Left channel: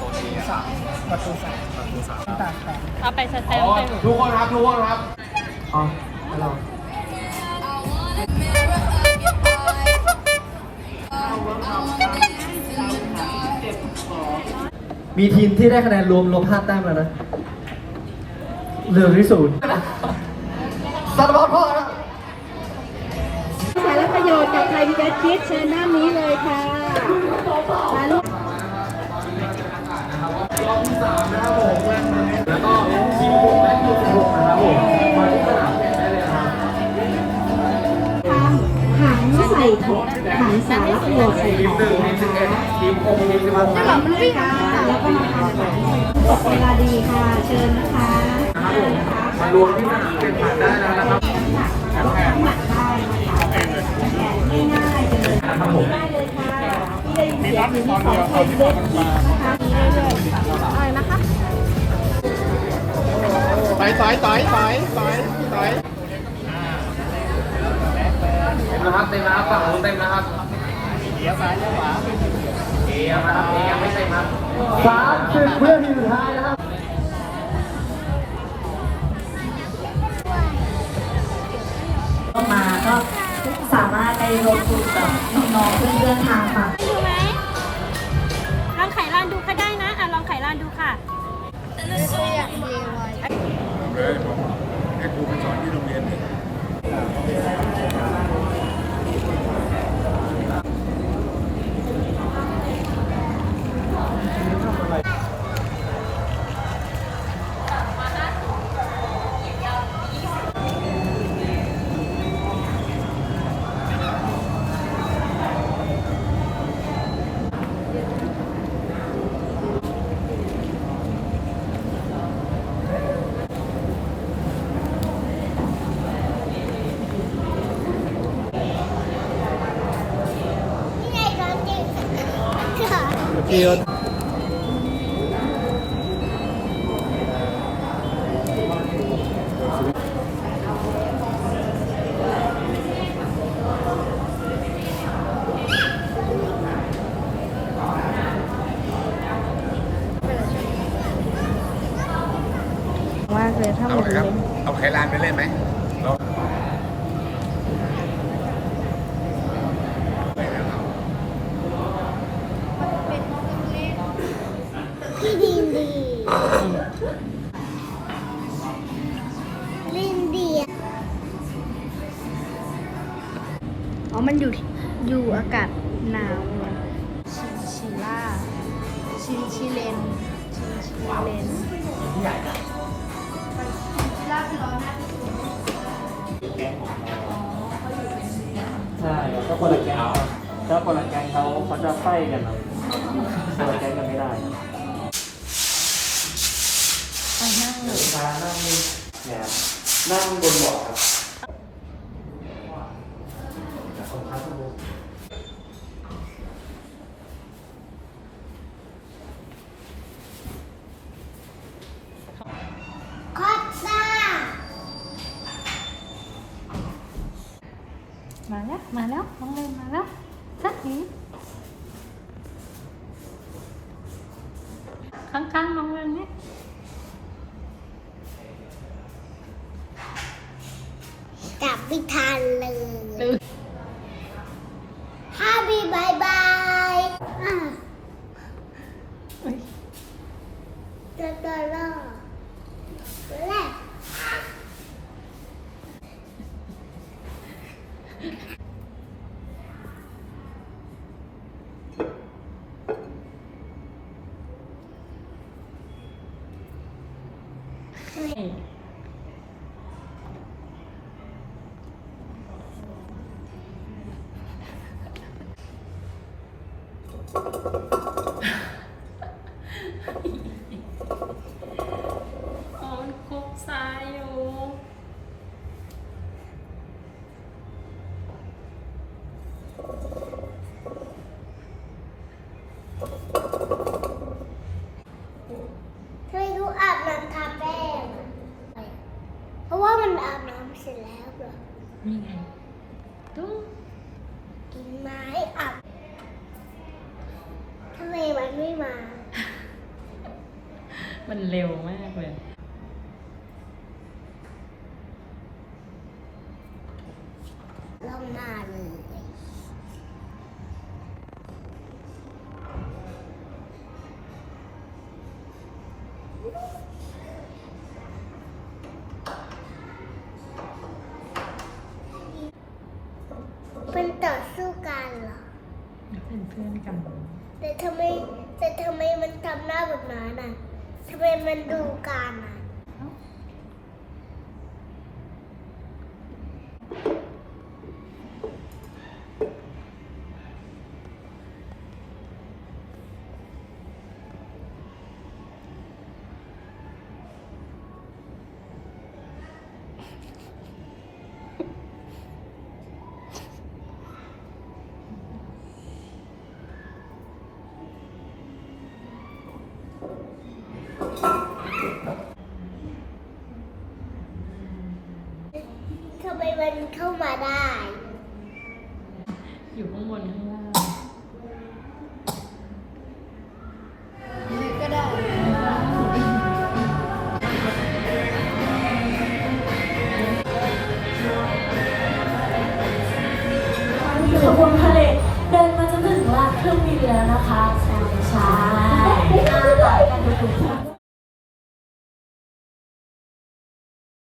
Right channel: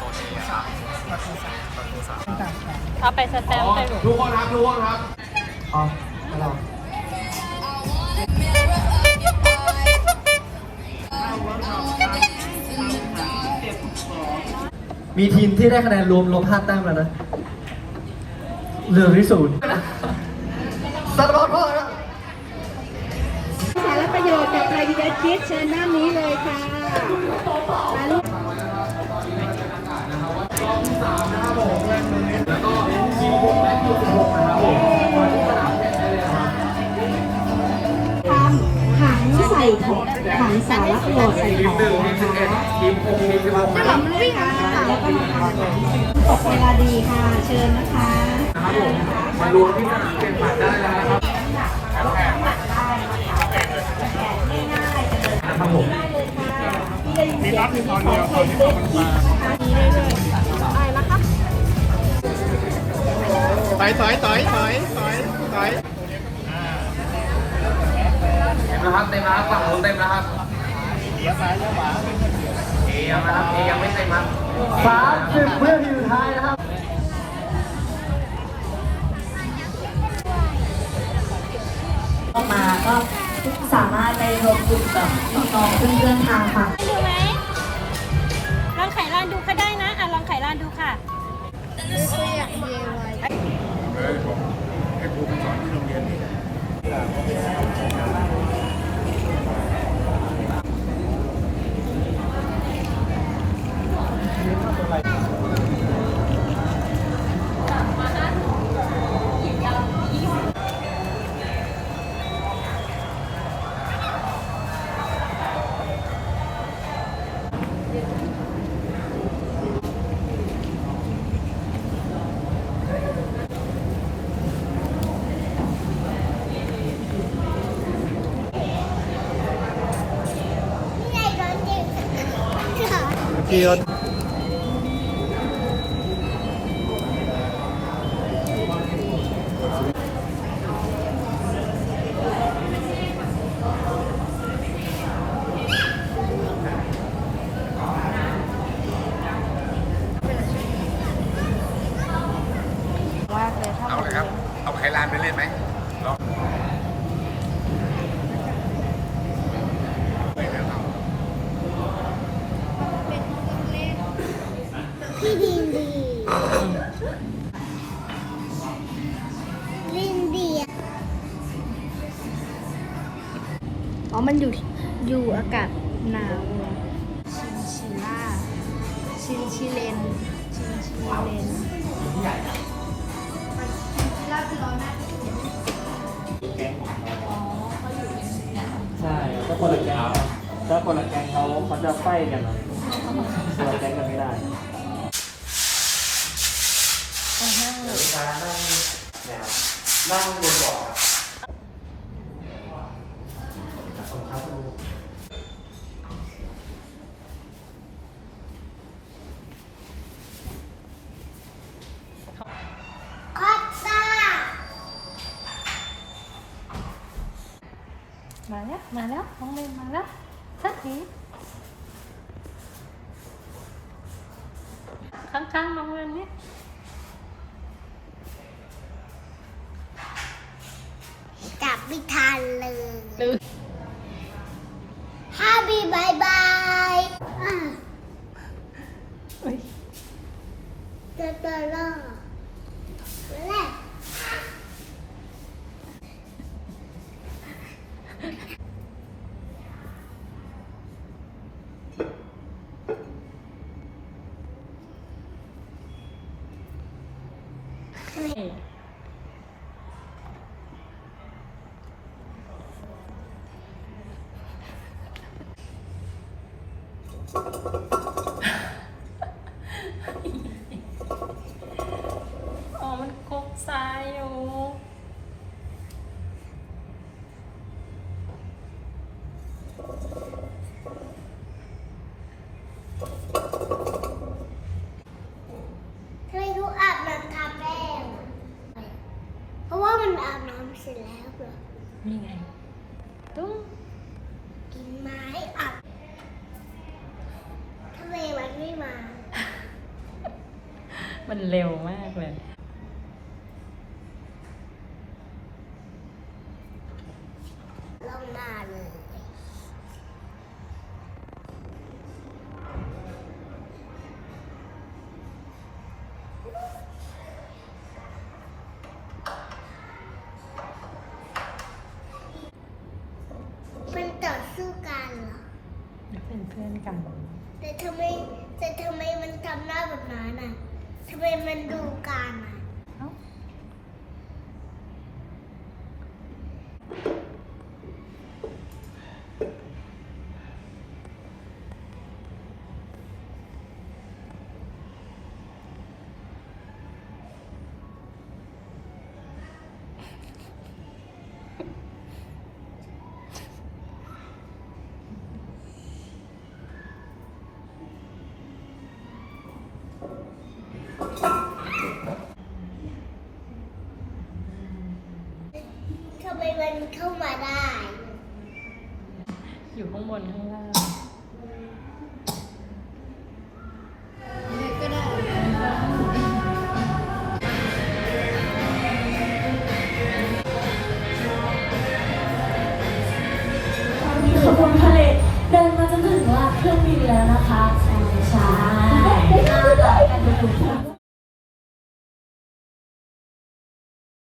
โซนเอครับประตูสามประตูสามตามแผนเอาไปสแตมป์ไปลูกทุกคนครับทุกคนครับอ๋อไม่รอมีทีมที่ได้คะแนนรวมรวมห้าแต้มแล้วนะเหลือที่ศูนย์สัตว์บอลพ่อครับสารประโยชน์จากไทยพีบีคิดเชิญหน้านี้เลยค่ะ มาลูกทำถังใส่ของถังสาระโยชน์ใส่ของนะคะทีมคงมีสิบวันจะแบบด้วยกันแล้วก็มาทำถังตกเวลาดีค่ะ เชิญนะคะนะครับผมมารวมที่สนามแข่งขันได้แล้วนะครับนะครับผมเสียงอยู่ที่ของไทยพีบีคิดนะคะมีเรื่อย สายสายสายสายสายนะครับเต็มนะครับฝั่งนู้นเต็มนะครับเลี้ยวซ้ายเลี้ยวขวาเลี้ยวซ้ายยังไม่เต็มครับสามสิบเพื่อน ให้ครู ไปสอนที่โรงเรียนนี่ เกียว ครับเอาไขลานไปเล่นไหมลองไปแล้วครับ ที่ดิน ลินดีอ๋อ มันอยู่อยู่อากาศหนาวชิชิล่า ชิลชิเลน ชิลิชิเลนใช่ถ้าคนละแกงถ้าคนละแกงเขาเขาจะไฟกันนะคนละแกงกันไม่ได้ นั่งบน นี่ไงตุ้งกินไม้อับทำไมมันไม่มา มันเร็วมากเลย เป็นต่อสู้กันเหรอเป็นเพื่อนกัน แต่ทำไมแต่ทำไมมันทำหน้าแบบนั้นอะทำไมมันดูกันอะ ทำไมมันเข้ามาได้ อยู่ข้างบนข้างล่างก็ได้ขบวนพาเลทเดินมาจนถึงลานเครื่องบินแล้วนะคะใช่ Thank you.